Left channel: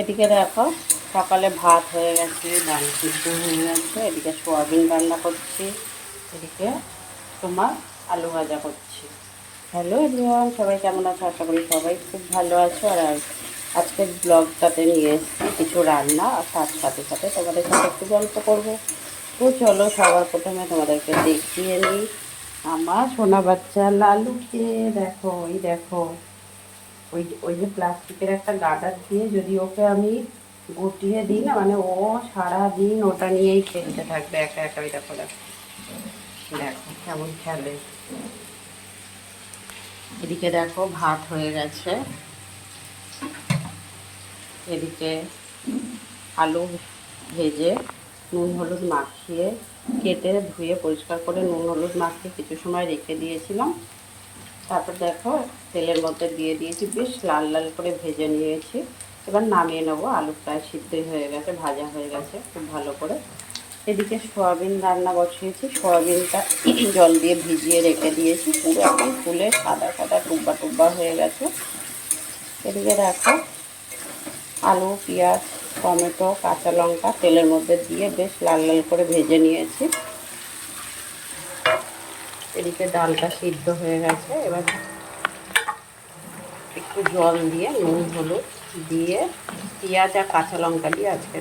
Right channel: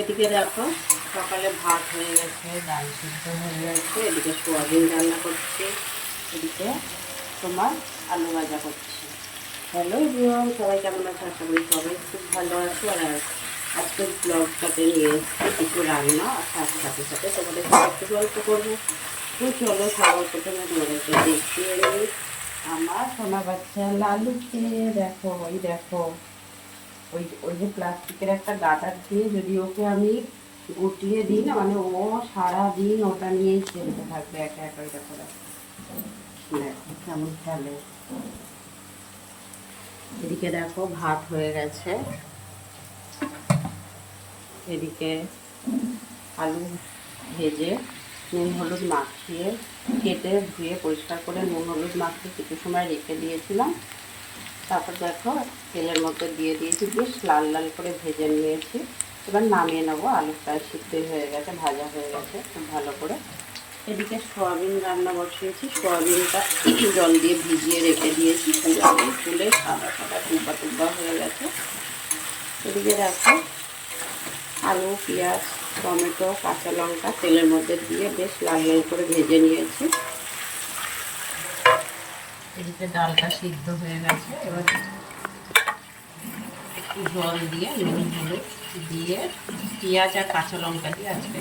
এদিকে দেখো সকালে ভাত হয়ে গেছে, ডাল সিদ্ধ হয়ে গেছে, এদিকে সোয়াবিন রান্না করছি, এদিকে তোমার আলু ভাজা করছি। হ্যালো এভরিওয়ান, সবাই কেমন আছো? আশা করি সবাই খুব ভালো আছো। আর আজকের ব্লগটাতে নিয়ে এসেছি কিছু রান্না, আর তার সাথে সাথে তোমাদের সাথে একটু গল্প করবো। তো চলো সবার প্রথমে তোমাদেরকে দেখিয়ে নিই আমার সোনা বাচ্চা লালুকে। দেখো এই দেখো, ওই ওই যে প্লাস্টিকের একটা গার্ডার দিয়ে যদি ওকে আমি গুটিয়ে দিই না, মানে ও সারাদিন ওটা নিয়েই খেলতে থাকবে একা একা। ওই দেখো দেখো দেখো কেমন খেলে। এদিকে দেখো ভাত হয়ে গেছে, এদিকে আলু ভেজে নুন হলুদ মাখিয়ে কেটে ধুয়ে পরিষ্কার করে নুন হলুদ মাখিয়ে কিছু সময় রেখে দিয়েছিলাম। তারপর দেখো তেলের মধ্যে দিয়ে দিয়েছি, বেশ লাল লাল করে ভেজে নিয়েছি। এবার নামিয়ে নেবো। আলু প্রায় সিদ্ধই হয়ে গেছে, ভাজা হয়ে গেছে খুব ভালো করে। এদিকে সয়াবিন রান্না বসিয়েছি, সয়াবিনটা জল দিয়ে ভিজিয়ে রেখে দিয়েছি, পুরো একদম ফুলে সাদা সাদা টুব্বা টুব্বা হয়ে গেছে। এদিকে দেখো আলু পেঁয়াজ টমেটো কাঁচা লঙ্কা তেলের মধ্যে দিয়ে বেশ লাল লাল করে ভেজে নিয়েছি। এদিকে ডালটা সিদ্ধ হয়ে গেছে, এবার একটু জল দিয়ে নুন হলুদ দিয়ে পেঁয়াজ আর কাঁচা লঙ্কা দিয়ে আজকে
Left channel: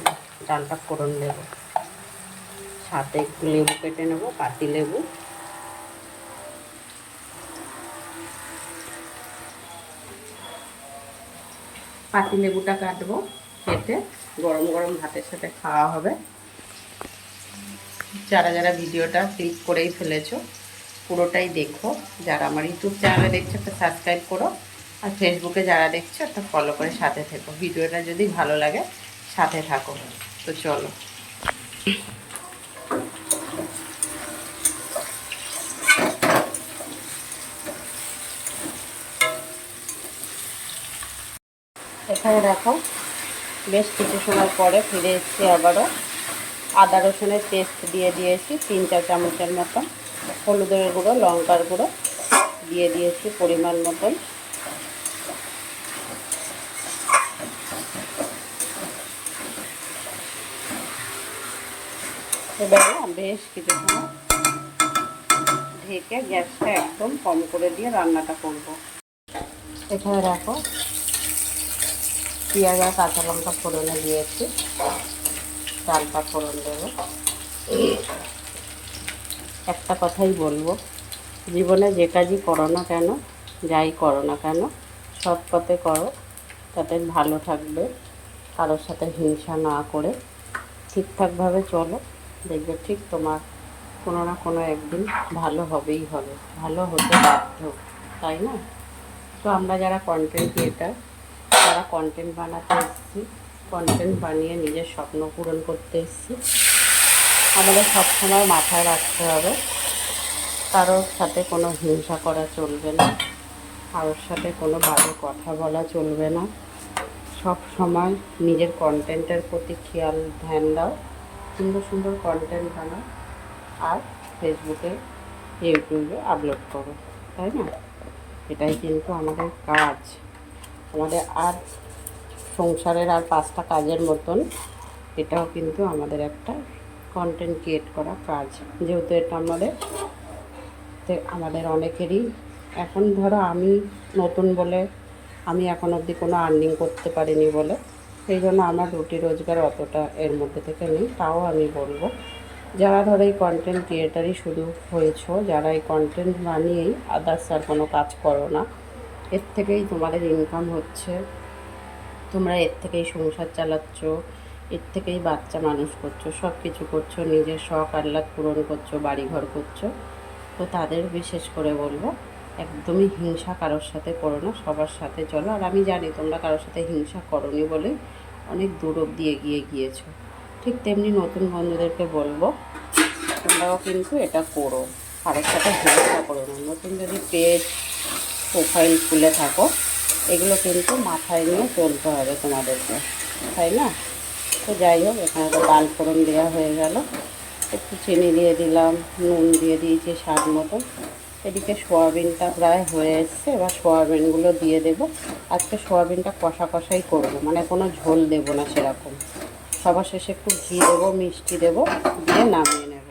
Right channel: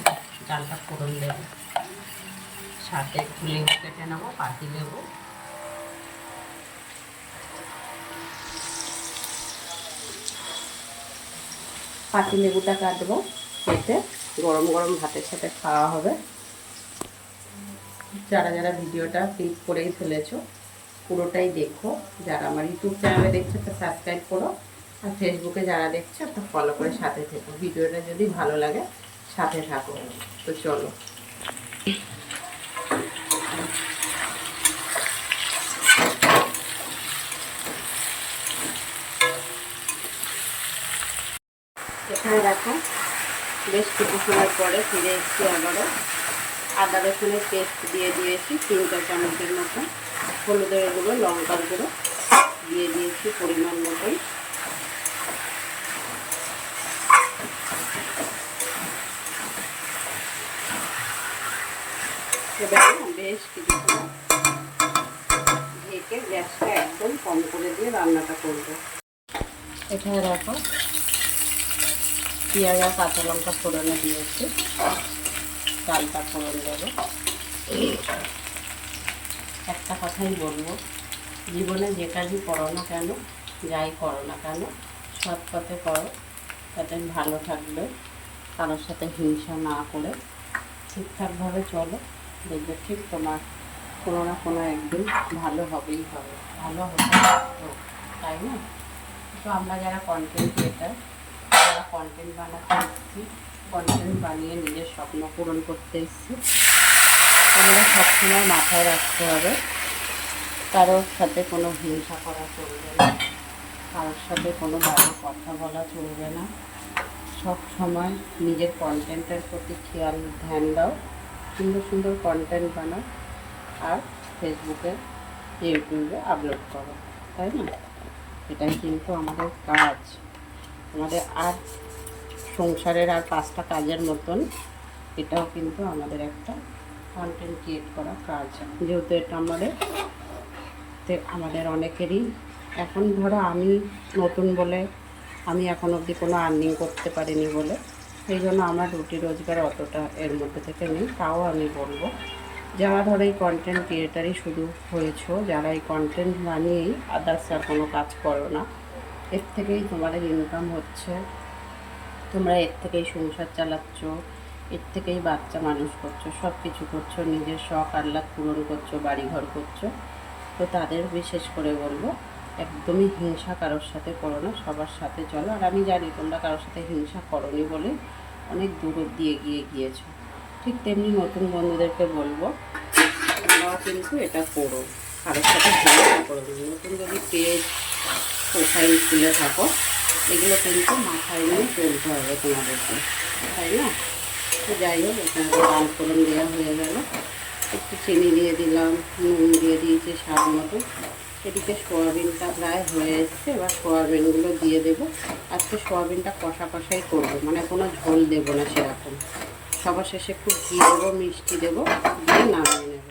ডালটা ফোড়ন দেবো। সাথে একটু লেবু কেটে নেবো, পাতি লেবু। পাতি লেবুটা কাটবো, কেটে গরম গরম ভাতের সাথে খাওয়া হবে। যারা যারা ভিডিওটা ক্লিক করেই ফেলেছো পুরোটাই দেখো। যারা আমার ইউটিউব চ্যানেলে দেখছো একটা সাবস্ক্রাইব করো, আর ফেসবুকে যারা দেখছো একটা ফলো করে সাথে থেকো। ভিডিওটা যদি ভালো লাগে সাথে থাকো। তো চলো এখানে দেখো বেশ কিছু সময় পরে ফিরে এসেছি আবারও। আদা রসুনের পেস্ট দিয়ে দিয়েছি 3-4 চামচের মতন, হলুদের গুঁড়ো লঙ্কার গুঁড়ো দিয়ে দিয়েছি পরিমাণ মতন। এবার না বেশ কিছু সময় ঢেকে গ্যাসটা একদম কম করে দিয়ে রান্নাটা করব। এখানে দেখো পেঁয়াজ আর কাঁচা লঙ্কা ফোড়নে দিয়েছি, ডালটা ফোড়ন দেবো। একটা কথাই বলবো, জীবনে যে কাজই করো না কেন, যাই করো না কেন, সৎ পথে করো, তাতে ভালো থাকবে। কারোর সাথে হিংসা না করে ঠিকঠাকভাবে চলো, দেখবে ঠিক তোমার কোনো না কোনো একদিন ভালো হবেই হবে, ভালো হতে বাধ্য, তাই না? তো আমরা যারা কন্টেন্ট ক্রিয়েটার, যারা কন্টেন্ট বানাতে এসেছি, কন্টেন্ট বানিয়ে নিজের স্বপ্ন পূরণ করতে এসেছি, আমাদের সবসময় মাথায় রাখতে হবে কারোর সাথে কোনো হিংসা করা চলবে না, কারোর সাথে কোনো বাজে কথা বলা চলবে না। সব সময় নিজের কন্টেন্টের প্রতি খেয়াল ধ্যান দাও, সুন্দর সুন্দর কন্টেন্ট বানাও, আর ফেসবুকে ইউটিউবে আপলোড করো, তাই না? এটাই কিন্তু আমাদের কাজ। আমাদের আর সংসারের আর 5টা কাজের মতন এটাও কিন্তু আমাদের একটা কন্টেন্ট ক্রিয়েট করা কাজ। যেহেতু এটা আমাদের অনেকেরই, এখন ধরো আমি নতুন বলে আমি এখন অবধি কোনো আর্নিং করতে পারিনি বলে, সেই জন্য আমার রুটি রোজগার অতটা এর মধ্যে থেকে নেই। তাও আমি বলবো, যারা ধরো এই কন্টেন্ট ক্রিয়েটারই শুধু হয়েছো, যারা এই কন্টেন্ট বানিয়েই আদার্স আর কোনো কাজ করো না, এর থেকেই তোমাদের ইনকাম হচ্ছে, তোমরা এর থেকেই সংসার চালাচ্ছ, এর থেকেই বাচ্চা মানুষ করছো, সব কিছু করছো, নিজের শখ আহ্লাদ পূরণ করছো, বাড়িঘর করছো। তো তাদের বিশেষ করে বলবো, একদমই হিংসা কারোর সাথে করো না, সবার সাথে চলো। আর আমি জানি তোমরা কারোর সাথে হিংসা করোনি বলে অনেক দূর অবধি এগিয়ে গিয়েছো। ঠিক তেমনি নতুন বন্ধুদেরকে বলবো, তোমরাও কিন্তু এটা করো, কারোর সাথে হিংসা করো না। নতুন যদি পেজ প্রোফাইল খুলে থাকো, এগুলো কিন্তু মাথায় নিয়ে চলতে হবে তোমাদেরকে, তাই না? তো যাই হোক, এখানে তো ডাল ফোড়ন দেওয়া হয়ে গেল, একটু চিনি দিয়ে দিলাম, নুন দিয়ে দিয়েছি স্বাদ মতো। এদিকে সোয়াবিনটা প্রায় হয়ে এসছে, এবার সোয়াবিনগুলো দিয়ে দেব। আজকে সোয়াবিনটা কষা কষাই করবো, মানে কোনো ঝোল দেবো না সেরকম। সবার শেষে একটু ঘি দেবো, মিষ্টি দেবো, দিয়ে নামিয়ে নেব।